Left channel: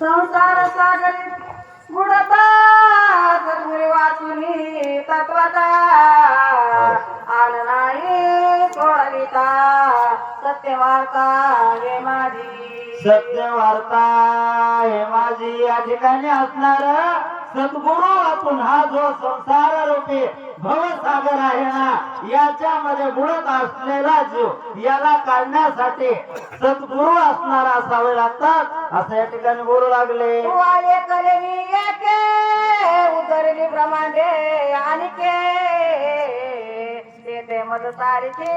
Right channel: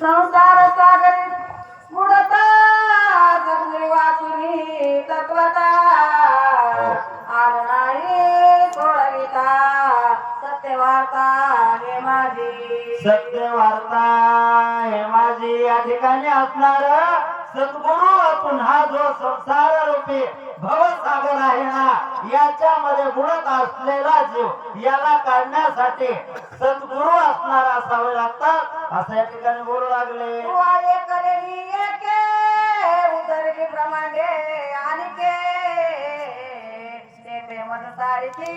संसार सागरी बुडता सद्गुरी वाचुनी तत्वता आन नाही सोडविता सत्य वार्ता हे माझी. सत्य वार्ता हे माझी. या ठिकाणी असणार सद्गुरु पुन्हा जो संसार रूपी भवसागर आहे ना याच्यामध्ये बुडत असलेला जीव याला काढण्यासाठी सद्गुरु असणार असावे लागतात. असं या ठिकाणी बोलू लागले. उतरली ब्रह्मांडे आणि के तेथे मद सारखी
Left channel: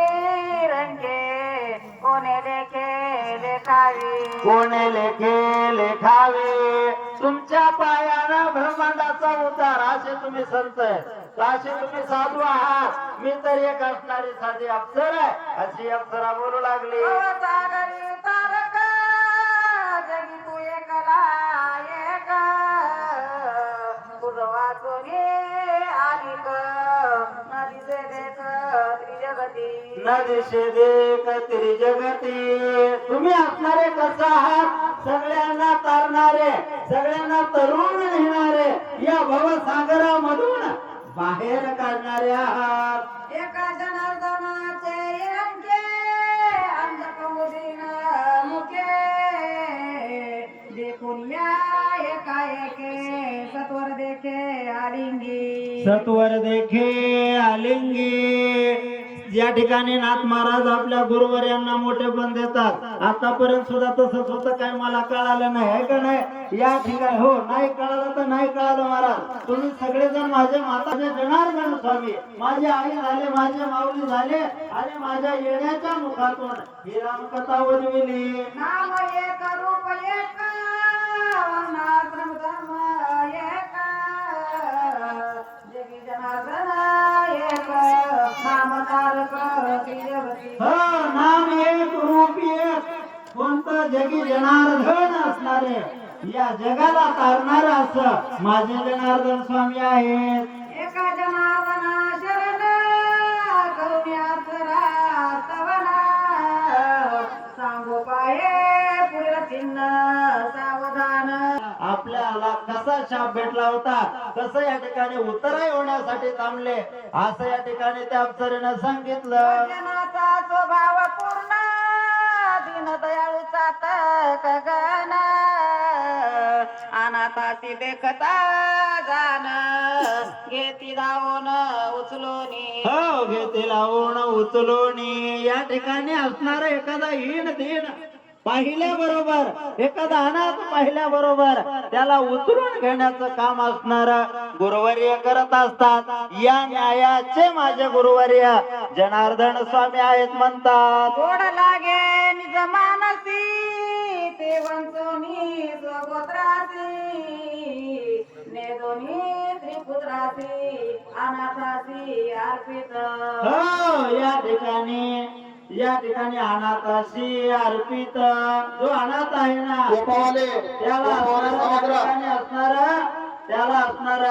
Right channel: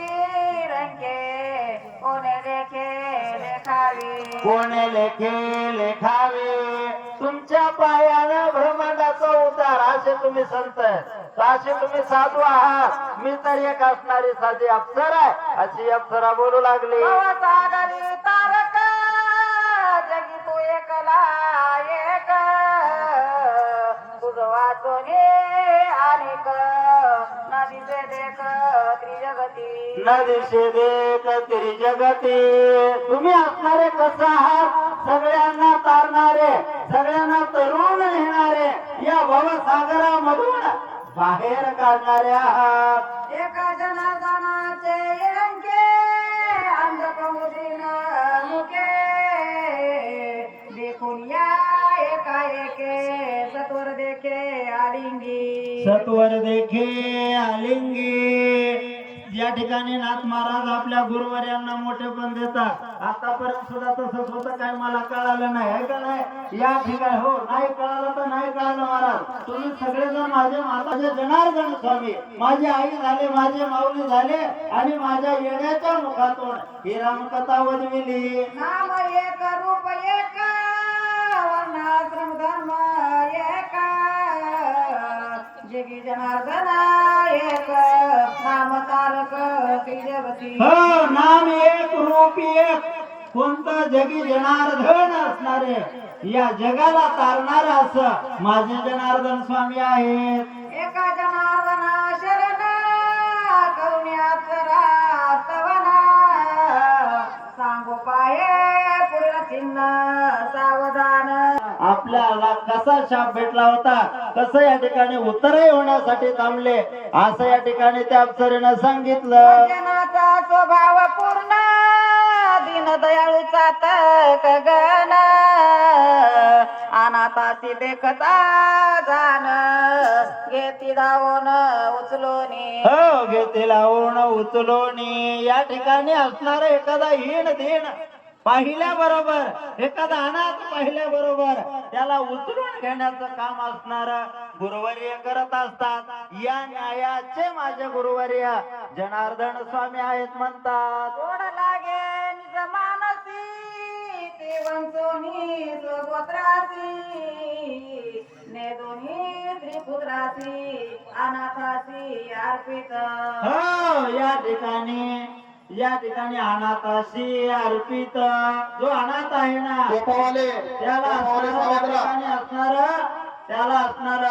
रंगे कोणे लेखे लेखाई कोणे लेखे लेखावे. तुमच्या पायानं ब्रह्मांडाचा उतार असे तुम्ही संत असे तुम्ही साधू आहात. मी तर एक असणारी साधी अप्सर आहे. अशी अप्सरा बोलू लागली. जगी तू एकला एक. अनेक. नदीचे देख त्रिजगती. न दिशे देख तरी जगती तुम्ही असणारे कसं आहात? सगळ्यांना तारणारे सगळ्यांना तरुण नेणारे या भवसागरामधून बाहेर आहात एका जनार्दनाचे रंगे अंधक मुदीना मुखे देखून या एका एके सत्वर देखे आलिंगी. सत्वर देखे आलिंगी. या ठिकाणी नाथ महाराज आपल्या गुरुवर्यांना मोठे पण देतात. आतापर्यंत सुद्धा तसंच होतं काय मला कळालं नाही आहे का नाही? या ठिकाणी हो नाही कळालं तर नाही कळालं महाराज. तुम्ही सगळेजण माझे माताचे जनार्दन स्वामी. माझी आई झाले माझे माऊली झाले आणि माझ्या येण्याच्या मुखातून ही रामकथा उजविली. नाम एक रूप एक वर्णाश्रम धर्म एक. जगी हो नाम एक रूप एक. कोणतं जगी जनार्दन असणारे या जगाला तारणार असं माझे जनार्दन स्वामी आहेत. एका जनार्दना शरण करण्यात रातवना सांगो पाहे पुढे चिन्ह सावधान. आपल्याला कसा शाप भेटला होता? कसं या ठिकाणी उत्तरही होण्यासाठी थांबले? असं या ठिकाणी त्या अप्सरेनं सांगितलं. स्वभाव पूर्ण दीनदयाळूचा तक गण. अनाथाची देखता जाण. घेती धावून उचलून. हो घेते लावून उचलून. या ठिकाणी असणार एखादा हीन दिन पाहिल्या बरोबर एखादा अनाथ पाहिल्या बरोबर त्याला उचलून घेण्याचं काम असणार गुरुवर्य करत असतात. या न्यायाचे माझे गुरुवर्य जनार्दन स्वामी आहेत म्हणतात. गोड लागे निज मानसी ते वंचोनी स्वगोत्रासी ने दोन्ही त्रिपुत्रासी अनाथासी अर्पित. हो या ठिकाणी या ठिकाणी अनाथाशी अर्पित. जो अनाथ आहे ना गोपावाले त्याला असणारं त्याला असणार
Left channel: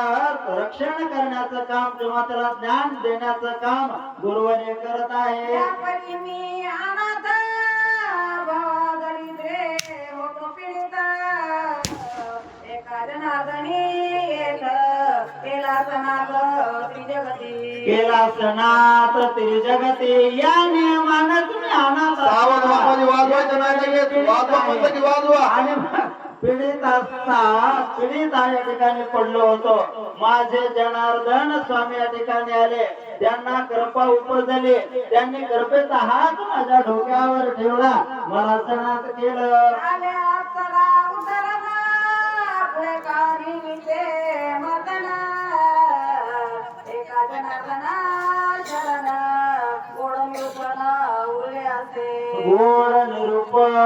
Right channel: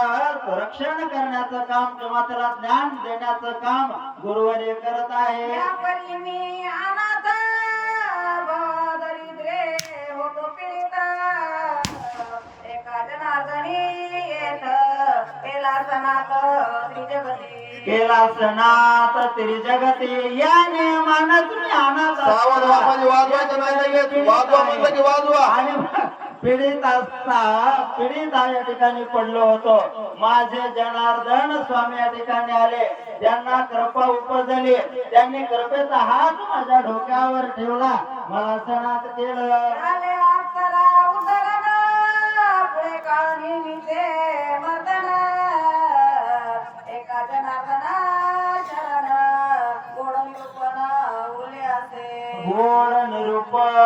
रक्षण करण्याचं काम किंवा त्याला ज्ञान देण्याचं काम गुरुवर्य करत आहे. या परी मी अनाथ दरिद्रे होतो पीडित. एका जनार्दनी येत केला सनात त्रिजगती केला सणात तरी जगती या नियमानं तुम्ही अनाथ सावध बापाची वाजवायचे नाही लगेच वाजवा म्हटलं की वाजवा. आणि पीडित असता पीडित या ठिकाणी पडलो होतो. माझे जनार्दन स्वामी या ठिकाणी आले. त्यांना कृपा उपजली. त्यांनी कृपेचा हात माझ्या डोक्यावर ठेवला. मला सणात केलं. जनार्दना शरण गोड निरूपण उरले असे. गोड निरूपण.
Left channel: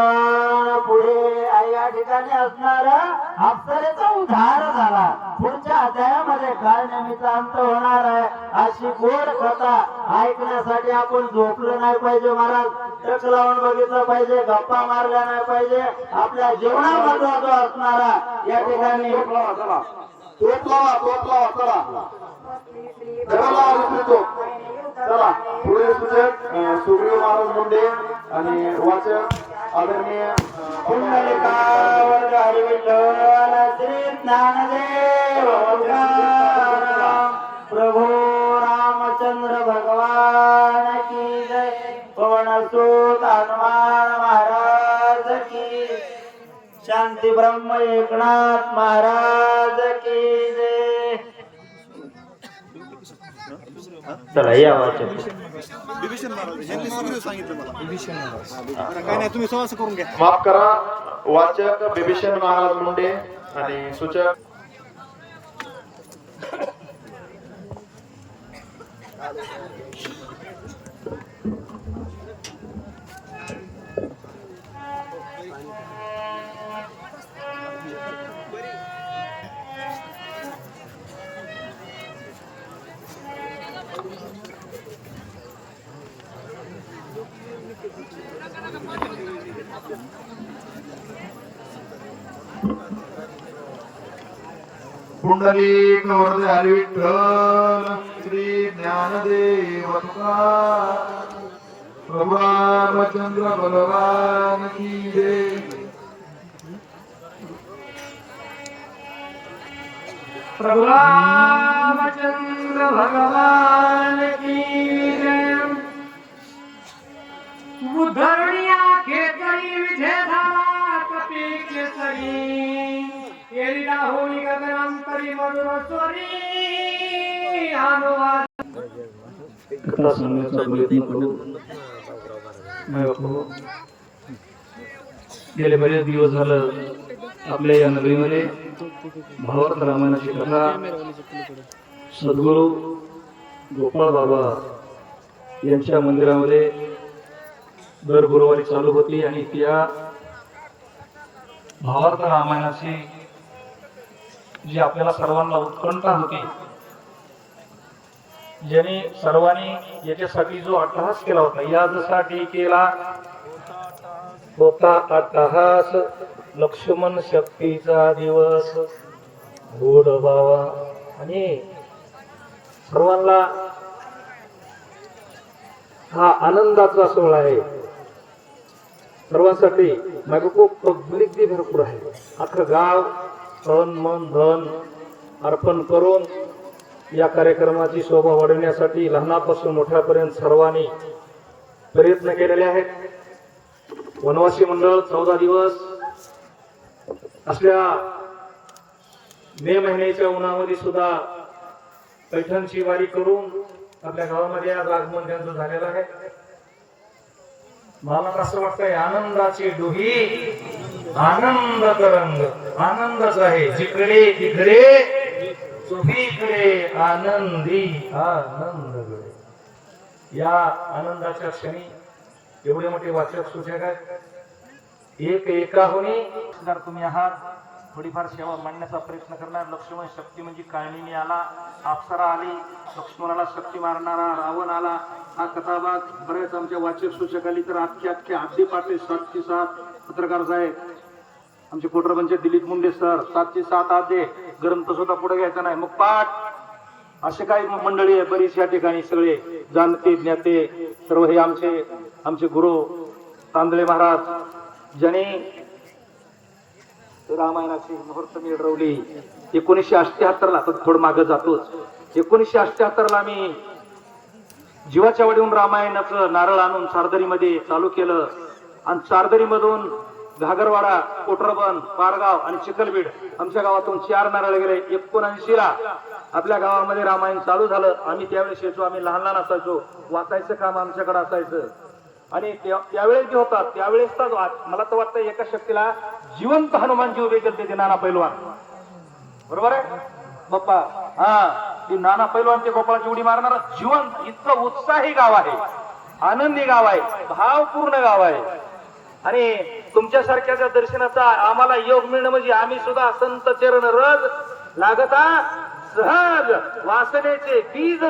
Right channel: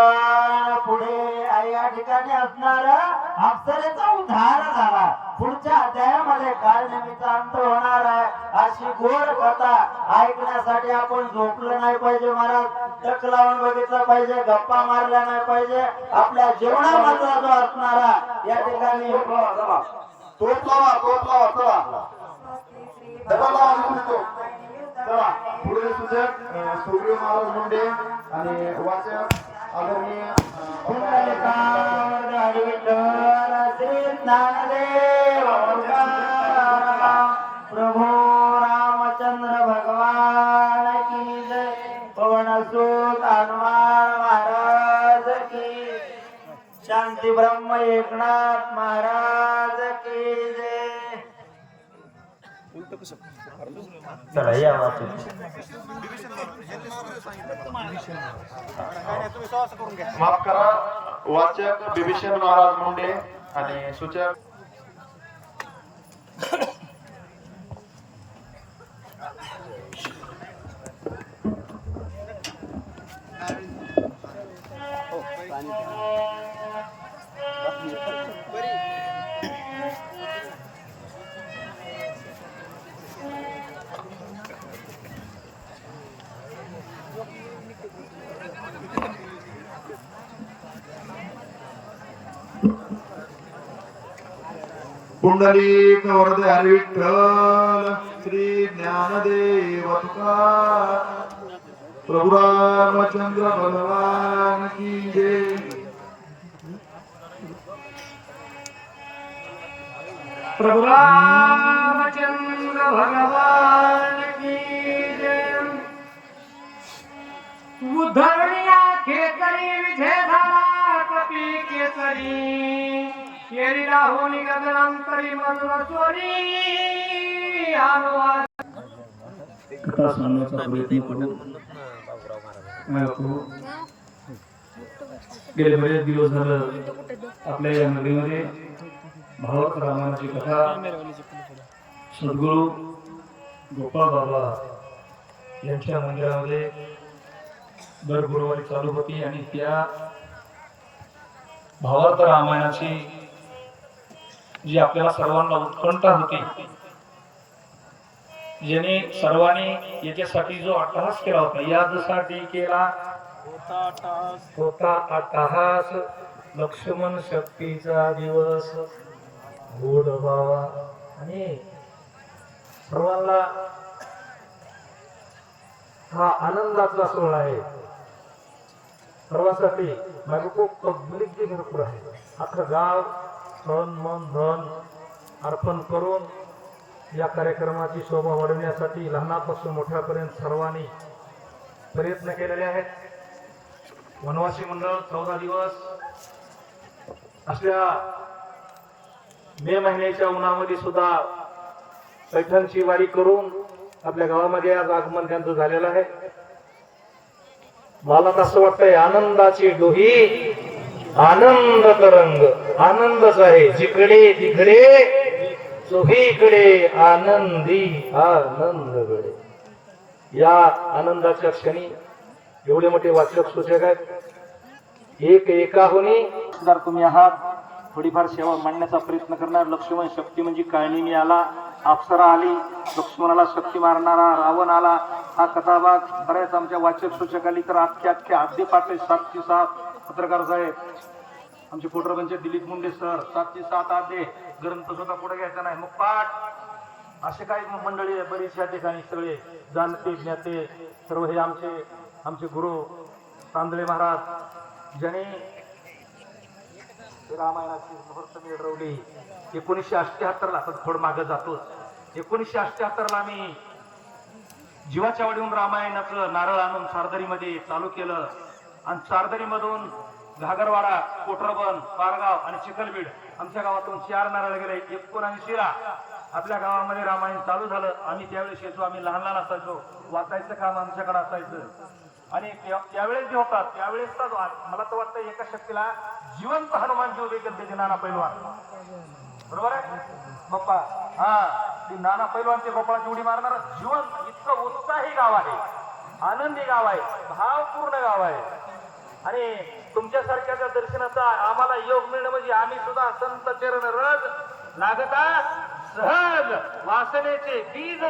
पुढे या ठिकाणी असणार. अप्सरेचा उद्धार झाला. पुढच्या अध्यायामध्ये काय निमित्त अंत होणार आहे? अशी गोड कथा ऐकण्यासाठी आपण झोपलं नाही पाहिजे महाराज. टक लावून बघितलं पाहिजे. गप्पा मारल्या नाही पाहिजे. आपल्या जीवनामधला जो असणारा या ठिकाणी तोप लावा तोप लावा चला डबल लावा चला पुढे सूचक सुग्रीव महाराज मुंडे आणि वाचक आदरणीय पुंडलिका वर्ग हरिविठ्ठल ज्ञानदेव प्रभू रामचंद्र भगवान की जय. पवन हनुमान महाराज की शांती ब्रह्म एकनाथ महाराज चला या माफ करा वाचक बिभीषण महाराज मुंडे आणि सूचक पुंडलिक वरदे हरी विठ्ठल श्री ज्ञानदेव तुकाराम प्रभु रामचंद्र भगवान की जय। प्रभु रामचंद्र भगवान की जय। उद्धरणीया केसरी केरी राहुली गगनांतरी मधुर स्वरी. हनुमान. कथा सांगण्याचा प्रयत्न करू. गेले बरेच दिवस झालं आपल्या या नगरीमध्ये. भागवत रामायणाची कथा. सद्गुरू गोपाळ बाबा यांच्या मंदिरामध्ये दर गुरुवारी चालू होती आणि त्या भावार्थ रामायणाची जी आपल्याला सर्वांना उत्कंठा होती ज्यांनी सर्वांनी याच्यासाठी जो अट्टहास केला होता यासाठी केला होता अट्टहास. लक्ष्मण शक्तीचा दिवस. गोड बावा आणि सर्वांना हा आनंदाचा सोहळा आहे. सर्वांसाठी माझं खूप पब्लिक जे भरपूर आहे. अख्खं गाव तळण मन धन अर्पण करून या कार्यक्रमाची शोभा वाढवण्यासाठी लहानापासून मोठ्यापर्यंत सर्वांनी प्रयत्न केलेले आहेत. वनवासी मंडळ चौदा दिवस असल्या मे महिन्याच्या उन्हामध्ये सुद्धा पैठणची वारी करून आपल्या गावामध्ये आज आगमन त्यांचं झालेलं आहे. मला कसं असं वाटतंय आनंदाची डोही आनंद तरंग आनंदच आहे. जिकडे तिकडे चोहीकडे आनंदी आनंद गडे या आनंदाच्या क्षणी एवढे मोठे वाचक सूचक आहेत. एक एकाहुनी जर तुम्ही आहात थोडीफार सेवा मांडण्याचा प्रयत्न करणार लक्ष्मण शक्ती म्हणजे काळणीने आला अप्सरा आली लक्ष्मणाला शक्ती मारणारा रावण आला हा कथाभाग बऱ्याच आमच्या वाचक सूचकाली तर अख्खे अख्खे आद्य पाठे सातशे सात पत्रकार साहेब. आमचे कोटरपंच दिलीप मुंडे सर सातशे सात आधे ग्रंथ सुद्धा पुढे घ्यायचा नाही. मग पाठ. असे काही मंडळी आहे बरीच या ठिकाणी सगळे जाणते ज्ञाते सर्व हे आमचे आमचे गुरु तांदळे महाराज ज्याने रामायणाची मुहूर्त मिळवली. एकोणीसशे अठ्ठ्याहत्तरला तर थोडं मागं जातोच. एकोणीसशे अठ्ठ्याहत्तरला मी जीवाच्या वाडीहून रामायणाचं नारळ आणून सारदरीमध्ये चालू केलं. आणि सारदरीमधून घागरवाडा कोटरबन पारगाव आणि चिखलबीड आमच्या गावातून चार नारळ गेले. एकोणऐंशी ला आपल्या गावामध्ये रामायण चालू झालं. आम्ही त्यावेळेस यायचो. आम्ही लहान लहान असायचो. वाचायचं काम आमच्याकडे असायचं. आणि त्या- त्यावेळेस जे होतात त्यावेळेस तर मला तर वाटतं एका शक्तीला जिवंत हनुमान जीव करते नाना पैलवान. बरोबर आहे? बाप्पा हा. ती नाना पैलवानचे गोपाळाची उडी मारणार जीवन इतकं उत्साही गाव आहे. आनंदी गाव आहे. भावपूर्ण गाव आहे. आणि तुमच्यासारख्याच्या दर्शनाचा आम्हाला योग मिळणं म्हणजे आम्ही सुद्धा संत चरण रज लागता सहज वासनेचे बीज